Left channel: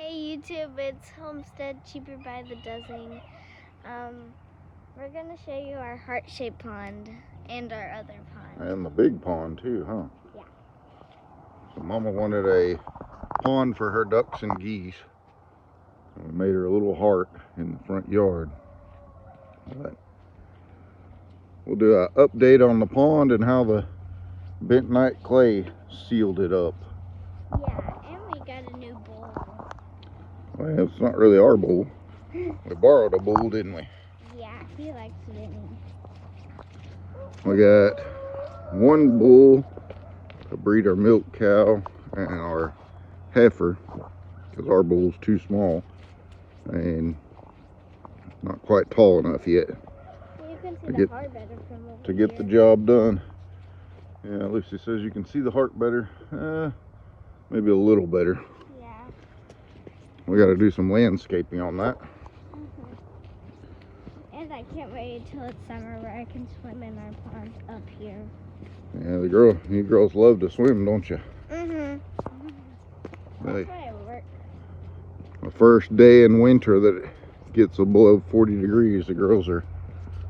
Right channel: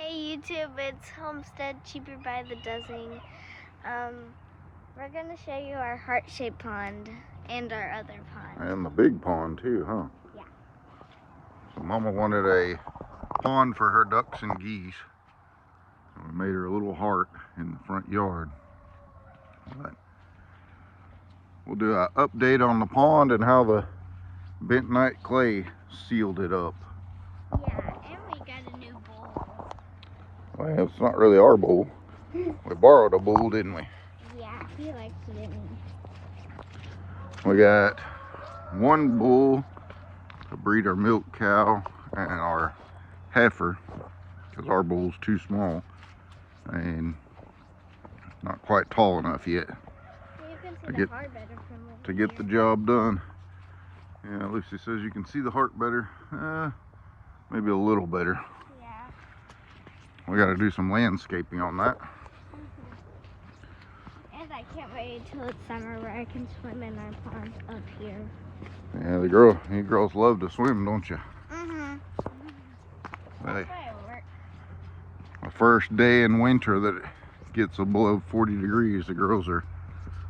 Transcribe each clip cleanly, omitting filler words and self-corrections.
Hey YouTube, it's Homestead Cheaper by the Dozen. We're gonna show you our heart-shaped pond and our other pond. And the big pond too, huh? Yeah. So Mama wanted a pond for her ducks and geese. We made her a little heart in the front yard. But we'll do an update on the pond and how the bentonite clay sealed it up. Yeah, and we got a new bowl. Well, it's not really our bowl. We borrowed a bowl, didn't we? Yeah, he likes it, didn't We got one bull to breed our milk cow and our heifer, because our bull's too small and not quite tall enough yet to get the job done. Yeah, Lucy says you can see the heart better. Maybe a little better. Yeah. We got to do some landscaping on that. And I can't wait until it's summer where I can swim in our pond up here. Yeah, you girls love to swim, don't you? Hey, the first day in winter that it gets below 40 degrees, the girls are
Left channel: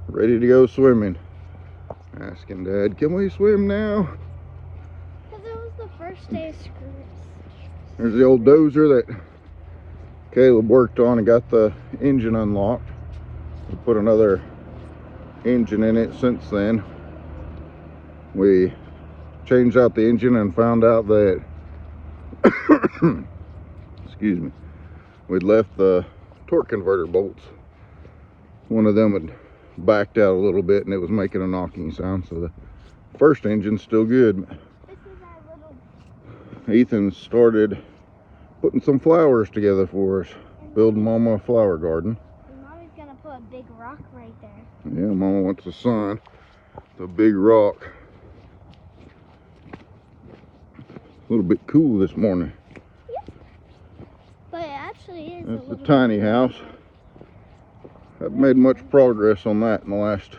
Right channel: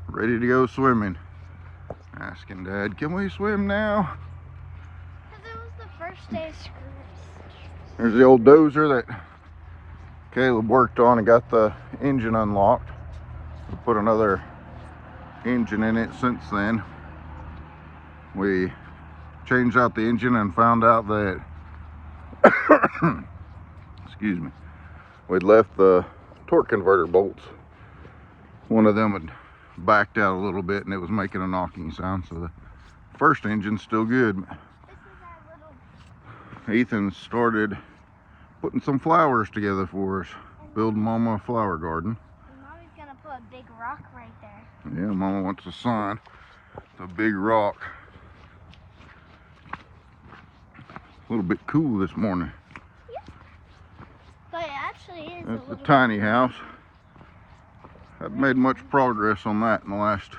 ready to go swimming. Asking Dad, can we swim now? Because it was the first day of school. There's the old dozer that Caleb worked on and got the engine unlocked. We put another engine in it since then. We changed out the engine and found out that excuse me, we'd left the torque converter bolts. One of them had backed out a little bit and it was making a knocking sound, so the first engine's still good. This is our little... Ethan started putting some flowers together for us, building Mama a flower garden. And Mommy's gonna put a big rock right there. Yeah, Mama wants a sign. The big rock. A little bit cool this morning. Yep. But it actually is. It's a tiny house. Haven't made much progress on that in the last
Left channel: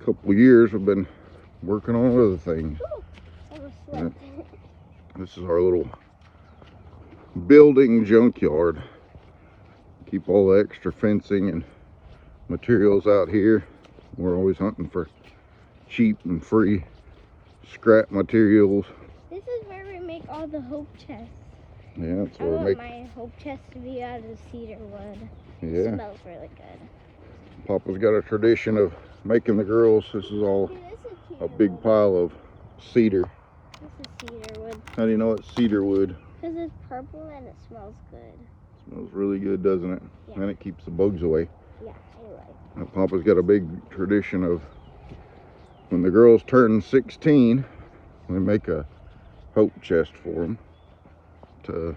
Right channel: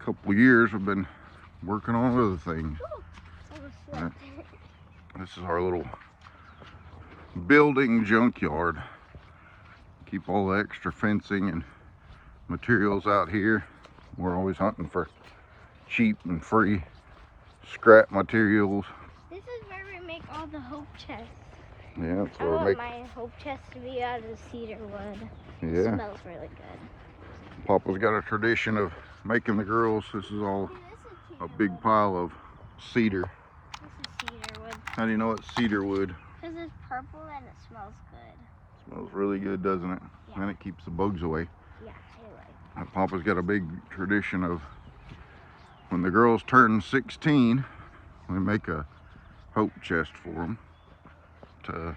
couple of years. We've been working on other things. This is our little building junkyard. Keep all the extra fencing and materials out here. We're always hunting for cheap and free scrap materials. This is where we make all the hope chests. Yeah, that's I where we want make. my hope chest to be out of cedar wood. Yeah. It smells really good. Papa's got a tradition of making the girls. This is all a big pile of cedar. This is cedar wood. How do you know it's cedar wood? Because it's purple and it smells good. Smells really good, doesn't it? Yeah. And it keeps the bugs away. Yeah, I like it. Papa's got a big tradition of when the girls turn 16, we make a hope chest for them to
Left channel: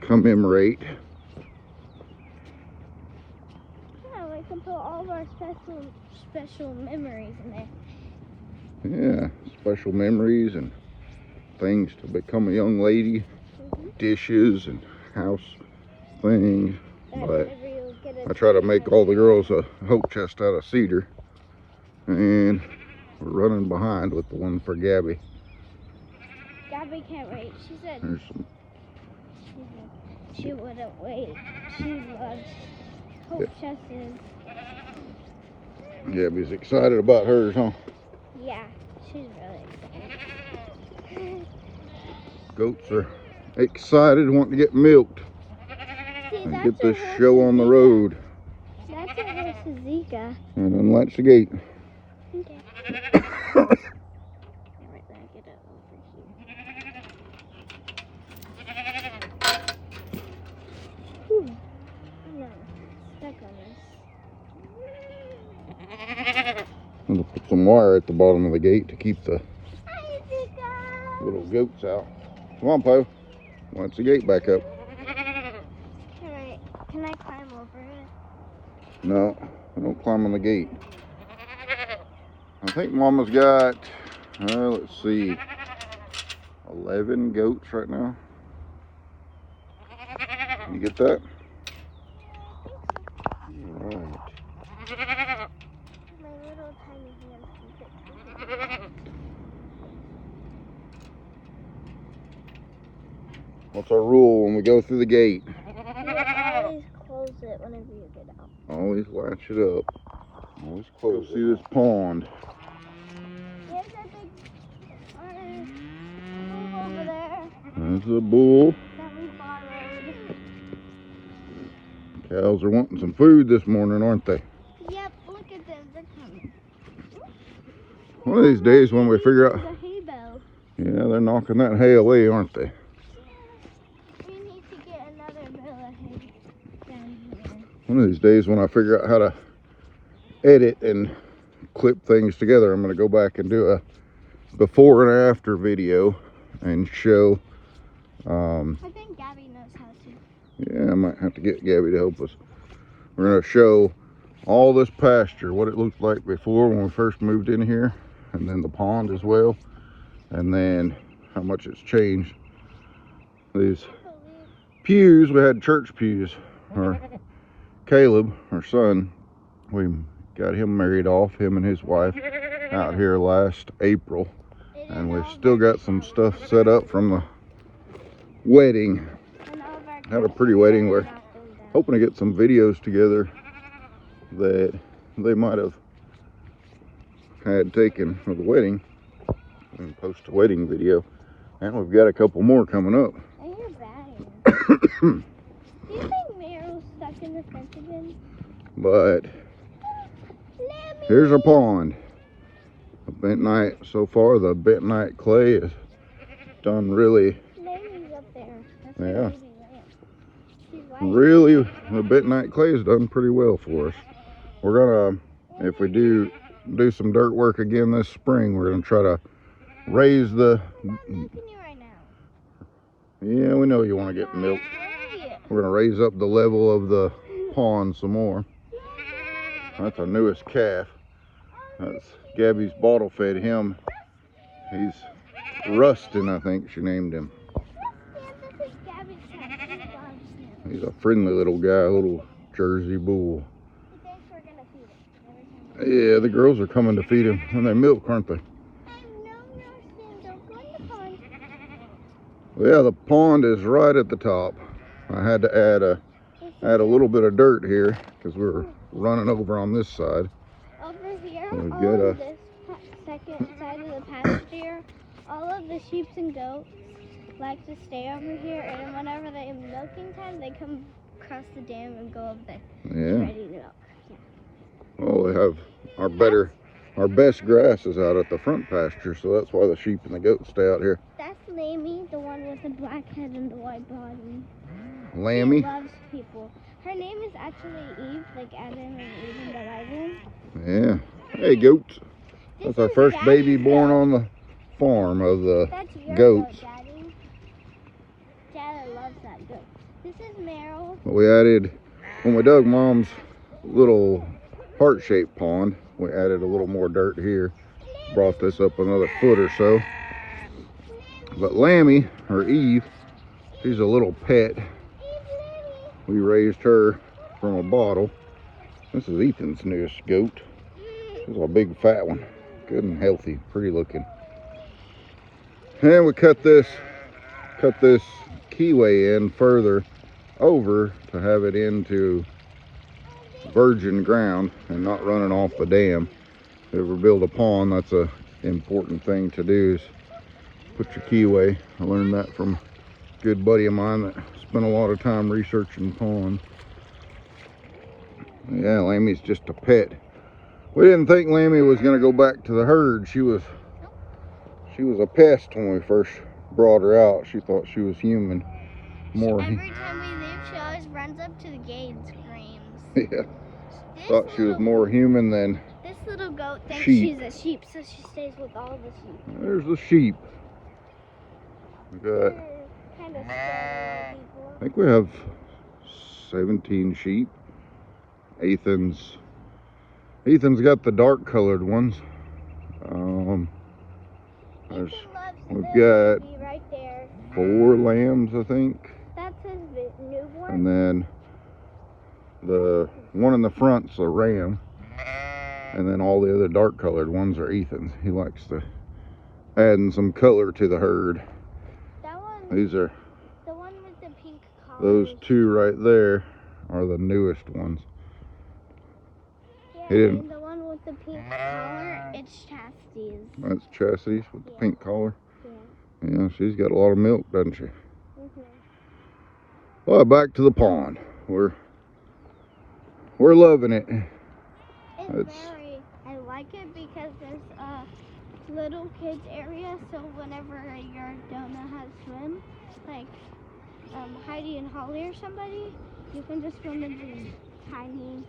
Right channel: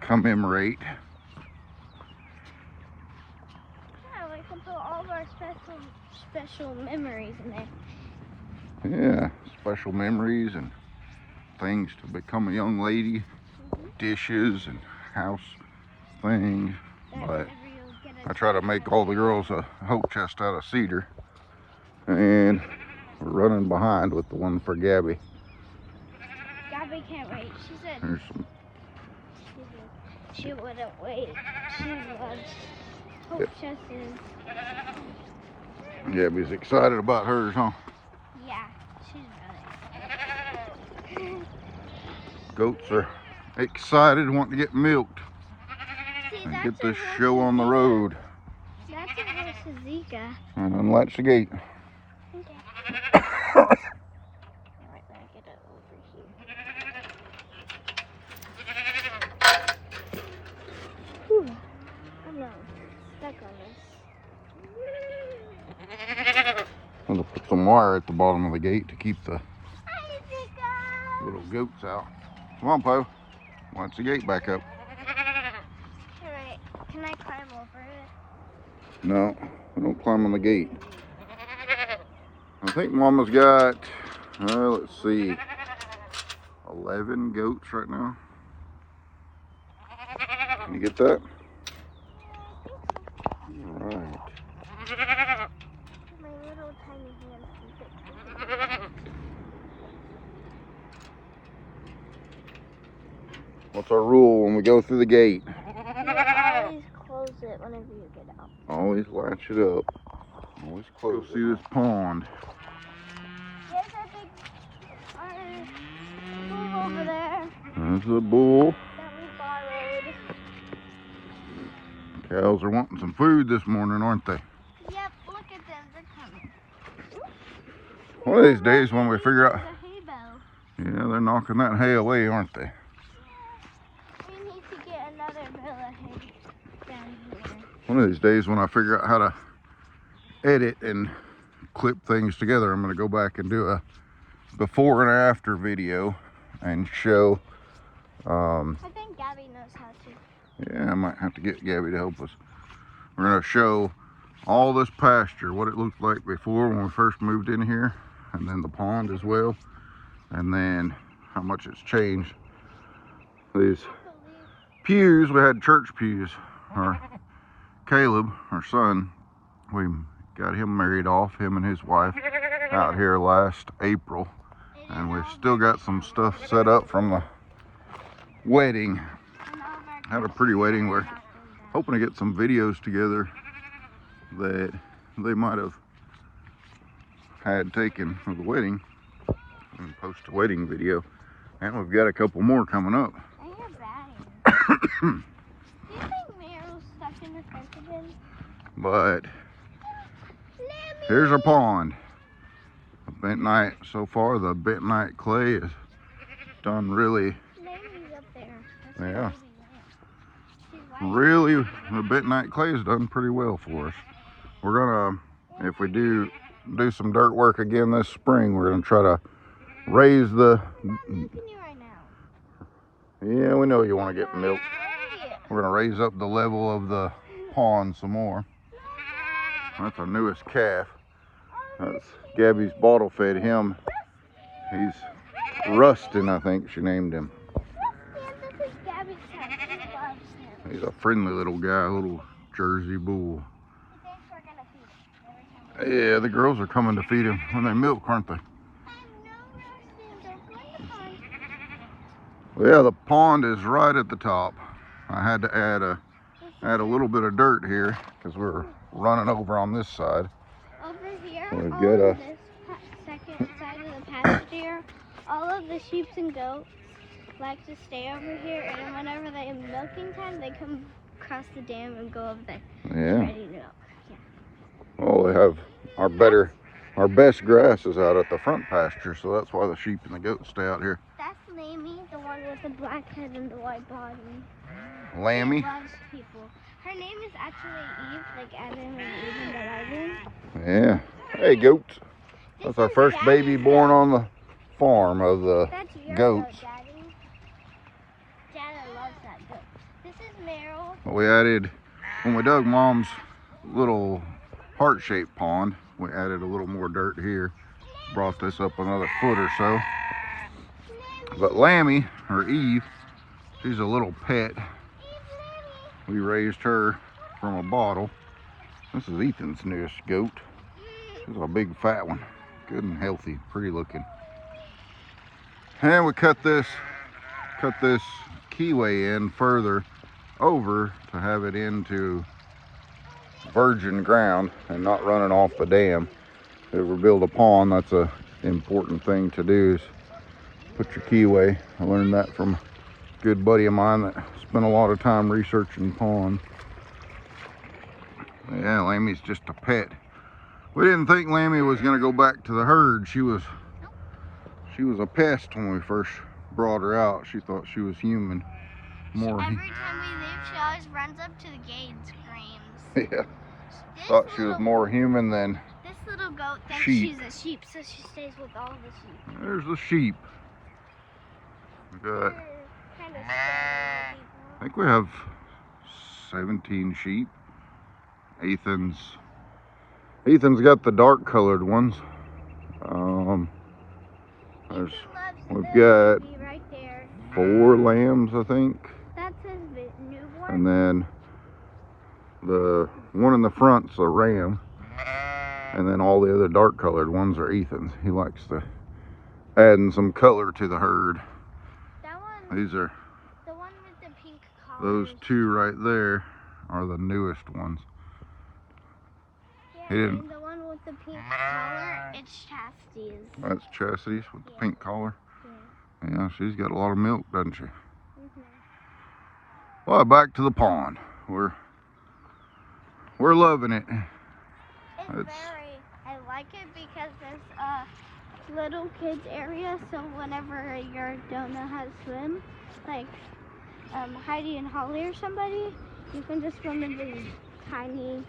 commemorate. Yeah, I can put all of our special memories in it. Yeah, special memories and things to become a young lady, dishes and house things. But I try to make all the girls a hope chest out of cedar, and we're running behind with the one for Gabby. Gabby can't wait. She said she wouldn't wait. She loves hope chests. Gabby's excited about hers, huh? Yeah, she does. Goats are excited, wanting to get milked and get this show on the road. That's a horse, Zika. And unlatch the gate. Okay. Alright, let me get it over here. Whew. I'm not stuck on this. I'm gonna put some wire at the bottom of the gate to keep the little goats out. Come on, Po. Watch the gate back up. Can I climb over it? No, don't climb on the gate. I think Mama's got, let's see, 11 goats right now. Can you get that? All right. My little tiny hands can fit. What's our rule when we go through the gate? You always close it whenever you get out. Always latch it up. Always close. See this pond. There's our big bull over there There's the bull. that we borrowed. Cows are wanting some food this morning, aren't they? Yep, look at them. They're coming. One of these days when we figure out... The hay bale. Yeah, they're knocking that hay away, aren't they? We need to get another bale of hay down here. One of these days when I figure out how to edit and clip things together, I'm going to go back and do a before and after video and show. I think Gabby knows how to. Yeah, I might have to get Gabby to help us. We're going to show all this pasture, what it looked like before when we first moved in here, and then the pond as well, and then how much it's changed. These pews, we had church pews. Caleb, our son, we got him married off, him and his wife, out here last April. And we've still got some stuff set up from the wedding. Had a pretty wedding. We're hoping to get some videos together that they might have had taken for the wedding and post a wedding video. And we've got a couple more coming up. I hear batting. Do you think Meryl's stuck in the fence again? But here's our pond. The bentonite, so far the bentonite clay is done really, Lammy's up there. That's yeah, she's right. really, the bentonite clay is done pretty well for us. We're gonna, if we do some dirt work again this spring, we're gonna try to raise the, I'm milking you right now. yeah, we know you want to get milk. We're gonna raise up the level of the pond some more. That's our newest calf. That's Gabby's bottle fed him. He's Rustin, I think she named him. This is Gabby's cat. She loves him. He's a friendly little guy, a little Jersey bull. He thinks we're gonna feed him every time. Yeah, the girls are coming to feed him when they milk, aren't they? Well, yeah, the pond is right at the top. I had to add a little bit of dirt here because we're running over on this side. Over here, We've got a this second side of the pasture, all of the sheep and goats like to stay over here, and whenever they have milking time, they come across the dam and go over there. yeah. Ready to milk. Yeah. Well, we have our best grass is out at the front pasture, so that's why the sheep and the goats stay out here. That's Lammy, the one with the black head and the white body. Lammy? She loves people. Her name is actually Eve, like Adam and Eve in the Bible. Yeah. Hey, goats. That's This our is first Daddy's baby born on the farm of the That's your goats. goat, Daddy. Dada loves that goat. This is Meryl. We added, when we dug Mom's little heart-shaped pond, we added a little more dirt here. Brought this up another foot or so. But Lammy, or Eve, she's a little pet. We raised her from a bottle. This is Ethan's newest goat. This is a big fat one. Good and healthy, pretty looking. And we cut this keyway in further over to have it into virgin ground and not running off the dam. If we build a pond, that's a important thing to do, is put your keyway. I learned that from a good buddy of mine that spent a lot of time researching ponds. Yeah, Lammy's just a pet. We didn't think Lammy was gonna go back to the herd. She was a pest when we first brought her out. She thought she was human. Every time we leave, she always runs up to the gate and screams. Yeah. Thought she was more human than This little goat thinks sheep. she's a sheep, so she stays with all the sheep. There's the sheep. We got, Kind of scary I think we have 17 sheep. Ethan's got the dark colored ones. We've got right there. 4 lambs, I think. That's his newborn. And then the one in the front's a ram. And then all the other dark colored ones are Ethan's. He likes to adding some color to the herd. That one. These are The one those two right there are the newest ones. Yeah, He didn't. and the one with the pink collar, it's Chastity's. That's Chastity's with the pink collar. Yeah. Yeah, she's got a lot of milk, doesn't she? Mm-hmm. Well, back to the pond. We're loving it. I like it because there's a little kids area, so whenever you don't know how to swim, like Heidi and Holly or somebody, you can just swim in this tiny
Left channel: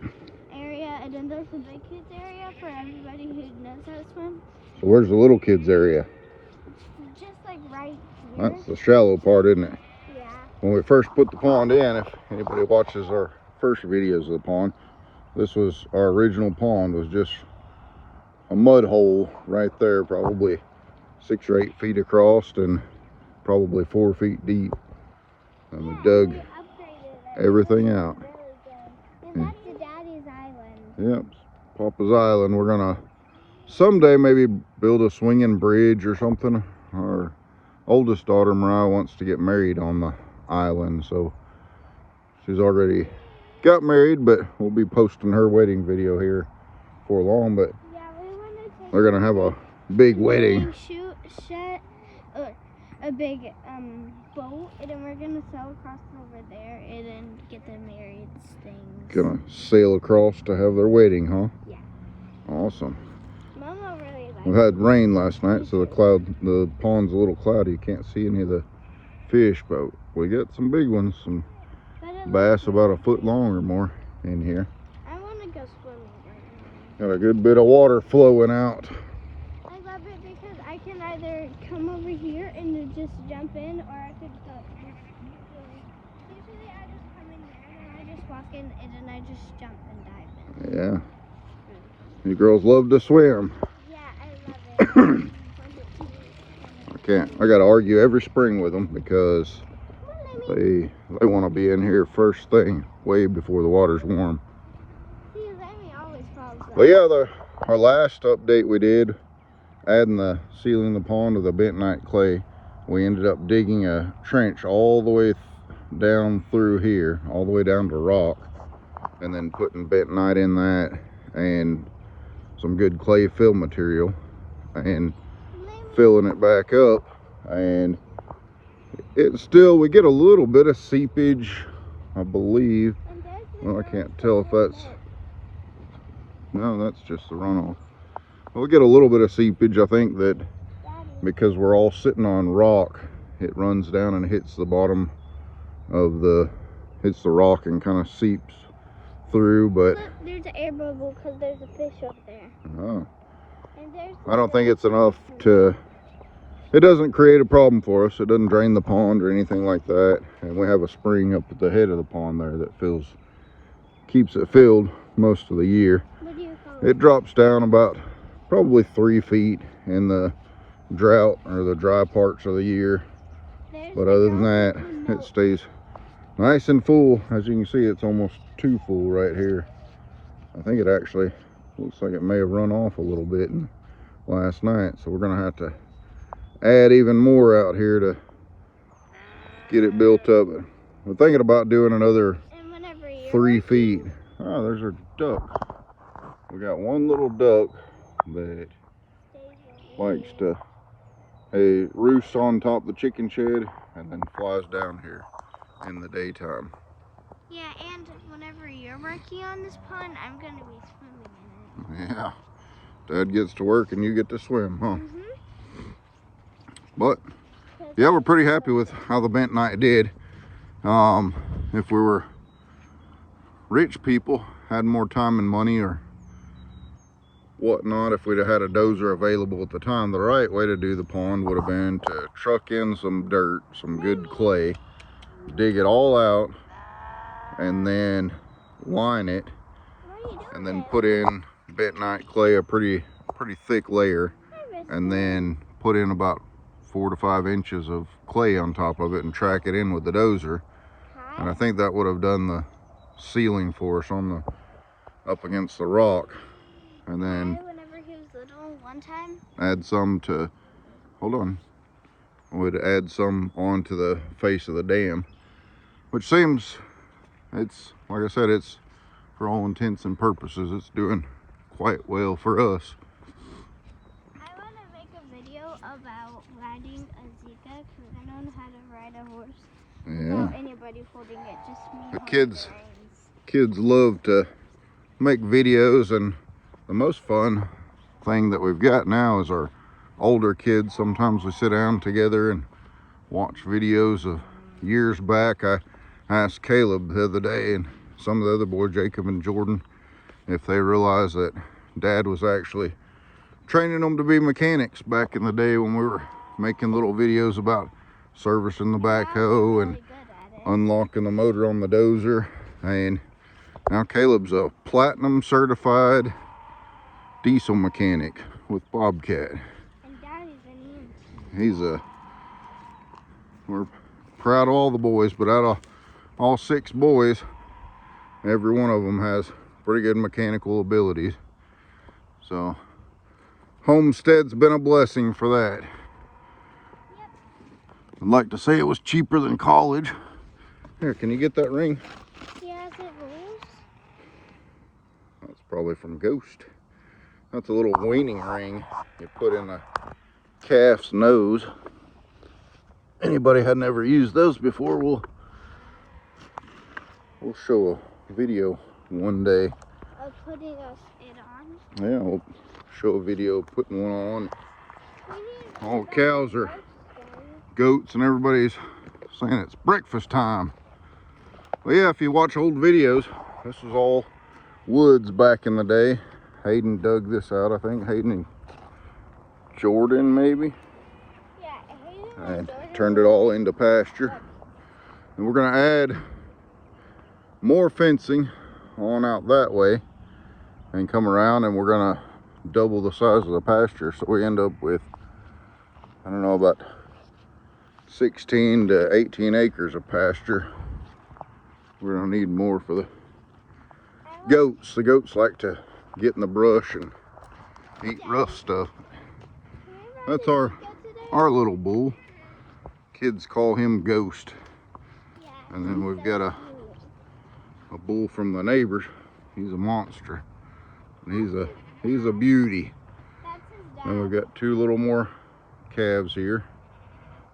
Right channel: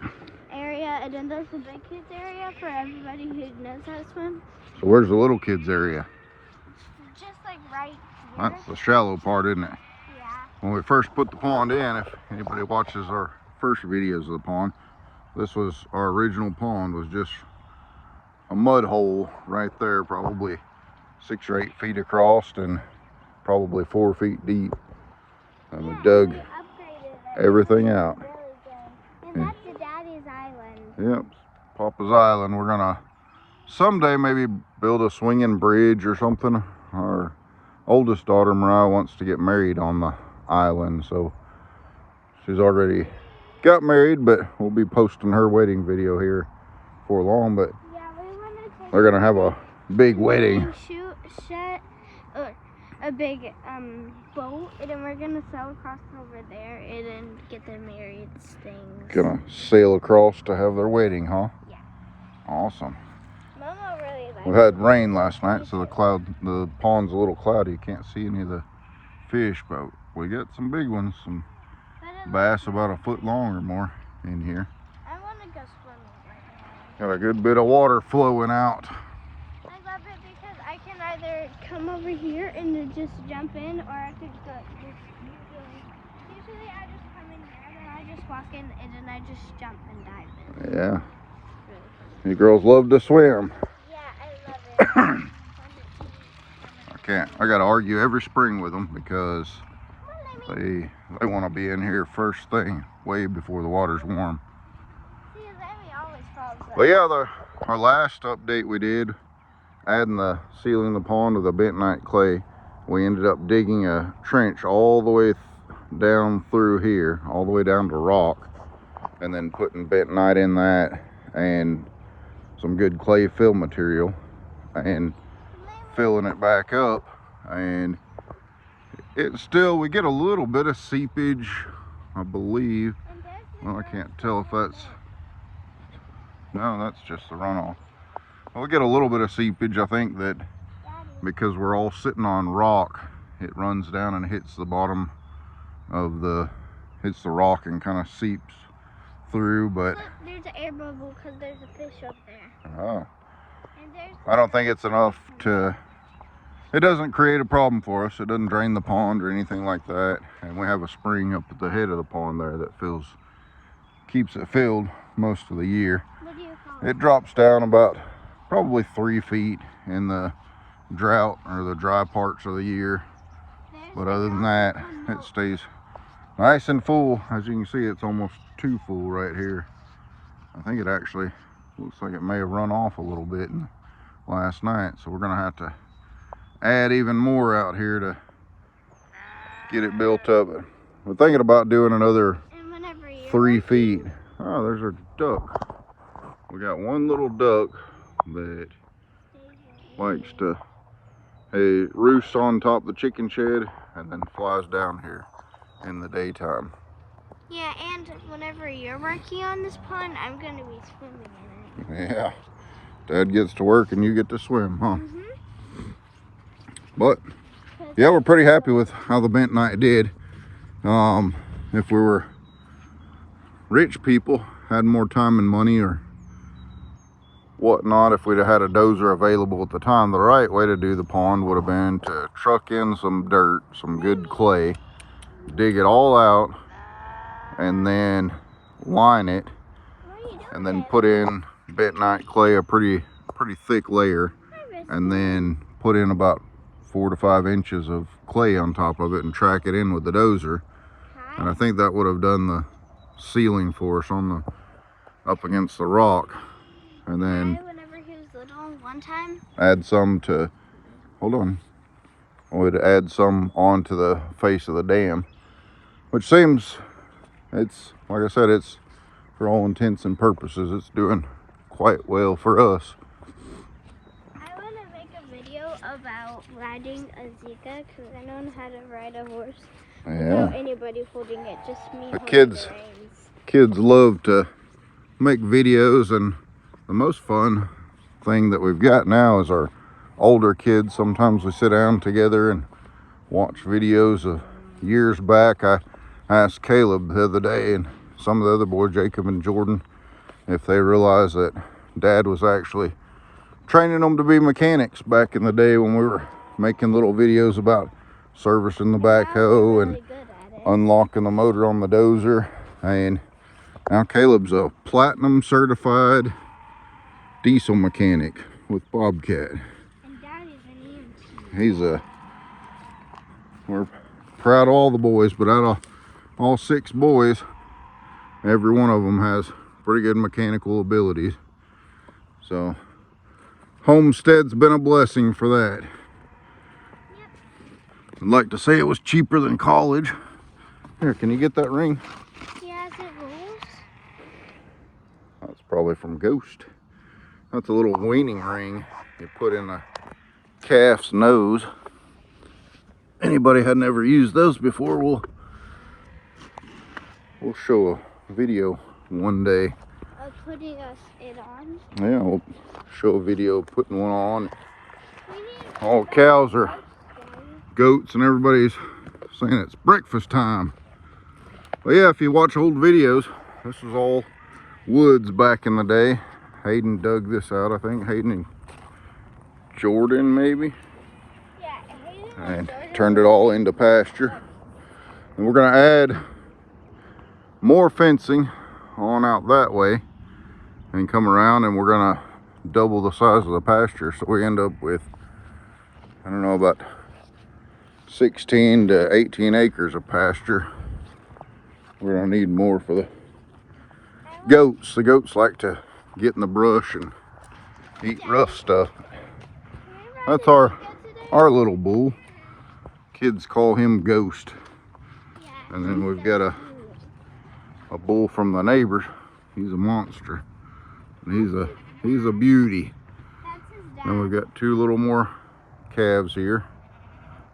area, and then there's the big kids area for everybody who knows how to swim. So where's the little kids area? It's just like right here. That's the shallow part, isn't it? Yeah. When we first put the pond in, if anybody watches our first videos of the pond, this was our original pond, was just a mud hole right there, probably 6 or 8 feet across and probably 4 feet deep. And we dug everything out. Really good. And that's the Daddy's Island. Yep, Papa's Island. We're gonna someday maybe build a swinging bridge or something. Our oldest daughter, Mariah, wants to get married on the island, so she's already got married, but we'll be posting her wedding video here before long. But yeah, we wanted to they're gonna have a big wedding. Set a big boat, and then we're gonna sail across over there and then get their married things. Gonna sail across to have their wedding, huh? Yeah. Awesome. Mama really likes We had rain last night, so the pond's a little cloudy. You can't see any of the fish, but we got some big ones, some bass about a foot long or more in here. I want to go swimming right now. Got a good bit of water flowing out. I love it because I can either come over here and then just jump in, or I could go. Usually I just come in here, then I just walk in, and then I just jump and dive in. Yeah. You girls love to swim. Yeah, I love it. I gotta argue every spring with them because they want to be in here first thing, way before the water's warm. See, Lemmy always falls out. But yeah, our last update we did, sealing the pond with the bentonite clay, we ended up digging a trench all the way down through here, all the way down to rock, and then putting bentonite in that and some good clay fill material and filling it back up. And it's still, we get a little bit of seepage, I believe. Well, I can't tell if that's, no, that's just the runoff. Well, we get a little bit of seepage. I think that because we're all sitting on rock, it runs down and hits the bottom of hits the rock and kind of seeps through. But look, there's an air bubble because there's a fish up there. Oh, I don't think it's enough to, it doesn't create a problem for us. It doesn't drain the pond or anything like that. And we have a spring up at the head of the pond there that keeps it filled most of the year. It drops down about probably 3 feet in the drought or the dry parts of the year. But other than that, it stays nice and full. As you can see, it's almost too full right here. I think it actually looks like it may have run off a little bit last night. So we're gonna have to add even more out here to get it built up. We're thinking about doing another 3 feet. Oh, there's a duck. We got one little duck that likes to roost on top of the chicken shed and then flies down here in the daytime. Yeah, and whenever you're working on this pond, I'm going to be swimming in it. Yeah, Dad gets to work and you get to swim, huh? But yeah, we're pretty happy with how the bentonite did. If we were rich people, had more time and money or whatnot, if we'd have had a dozer available at the time, the right way to do the pond would have been to truck in some dirt, some good clay, dig it all out, and then line it, and then put in bentonite clay, a pretty thick layer, and then put in about 4 to 5 inches of clay on top of it and track it in with the dozer. And I think that would have done the sealing for us on the up against the rock. And then whenever he was little, one time, add some to, hold on, I would add some onto the face of the dam which seems, it's, like I said, it's for all intents and purposes, it's doing quite well for us. I want to make a video about riding a Zika because I don't know how to ride a horse without anybody holding it, just me The holding kids, the reins. kids love to make videos, and the most fun thing that we've got now is our older kids. Sometimes we sit down together and watch videos of years back. I asked Caleb the other day and some of the other boys, Jacob and Jordan, if they realized that Dad was actually training them to be mechanics back in the day when we were making little videos about servicing the backhoe and unlocking the motor on the dozer. And now Caleb's a platinum certified diesel mechanic with Bobcat. And Daddy's an EMT. We're proud of all the boys, but out of all 6 boys, every one of them has pretty good mechanical abilities. So homestead's been a blessing for that. Yep. I'd like to say it was cheaper than college. Here, can you get that ring? Yeah, is it moves? That's probably from Ghost. That's a little weaning ring you put in the calf's nose. Anybody hadn't ever used those before, we'll show a video one day. Of putting it on? Yeah, we'll show a video of putting one on. All cows are goats and everybody's saying it's breakfast time. But yeah, if you watch old videos, this is all woods back in the day. Hayden dug this out, I think. Hayden and Jordan, maybe. And turned it all into pasture. And we're gonna add more fencing on out that way and come around, and we're gonna double the size of the pasture, so we end up with, I don't know, about 16 to 18 acres of pasture. We're gonna need more for the goats. The goats like to get in the brush and eat rough stuff. That's our little bull. Kids call him Ghost. And then we've got a bull from the neighbors. He's a monster. And he's a beauty. And we've got 2 little more calves here.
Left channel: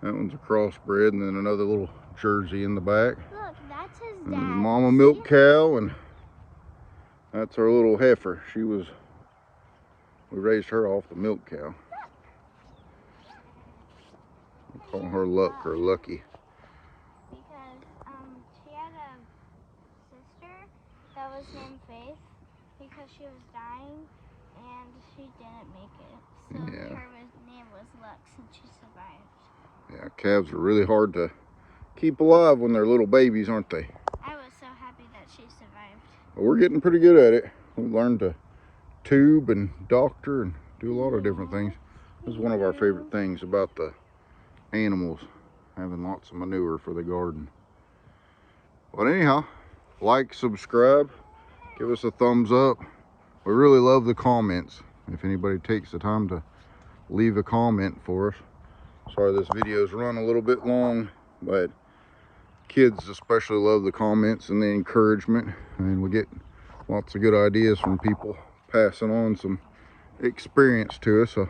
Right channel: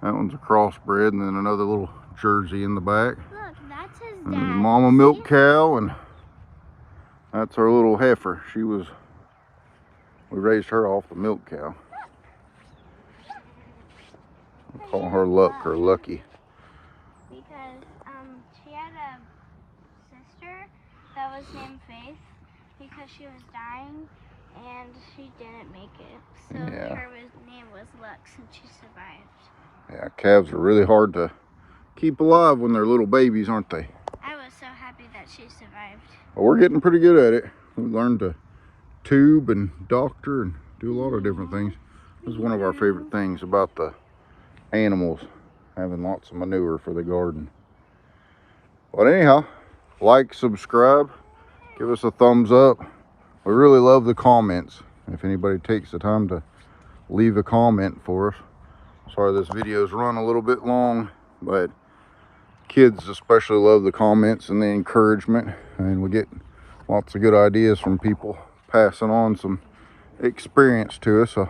That one's a crossbred, and then another little Jersey in the back. Look, that's his And dad. Mama milk cow, and that's our little heifer. We raised her off the milk cow. We call her Luck or Lucky. Because she had a sister that was named Faith because she was dying and she didn't make it. So her name was Lux and she survived. Yeah, calves are really hard to keep alive when they're little babies, aren't they? I was so happy that she survived. Well, we're getting pretty good at it. We learned to tube and doctor and do a lot of different things. This is one of our favorite things about the animals, having lots of manure for the garden. But anyhow, like, subscribe, give us a thumbs up. We really love the comments. If anybody takes the time to leave a comment for us. Sorry this video's run a little bit long, but kids especially love the comments and the encouragement, and we get lots of good ideas from people passing on some experience to us. So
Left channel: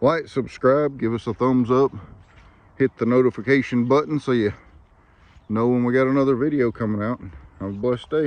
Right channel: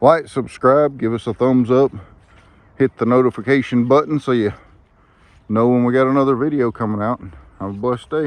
like, subscribe, give us a thumbs up, hit the notification button so you know when we got another video coming out, and have a blessed day.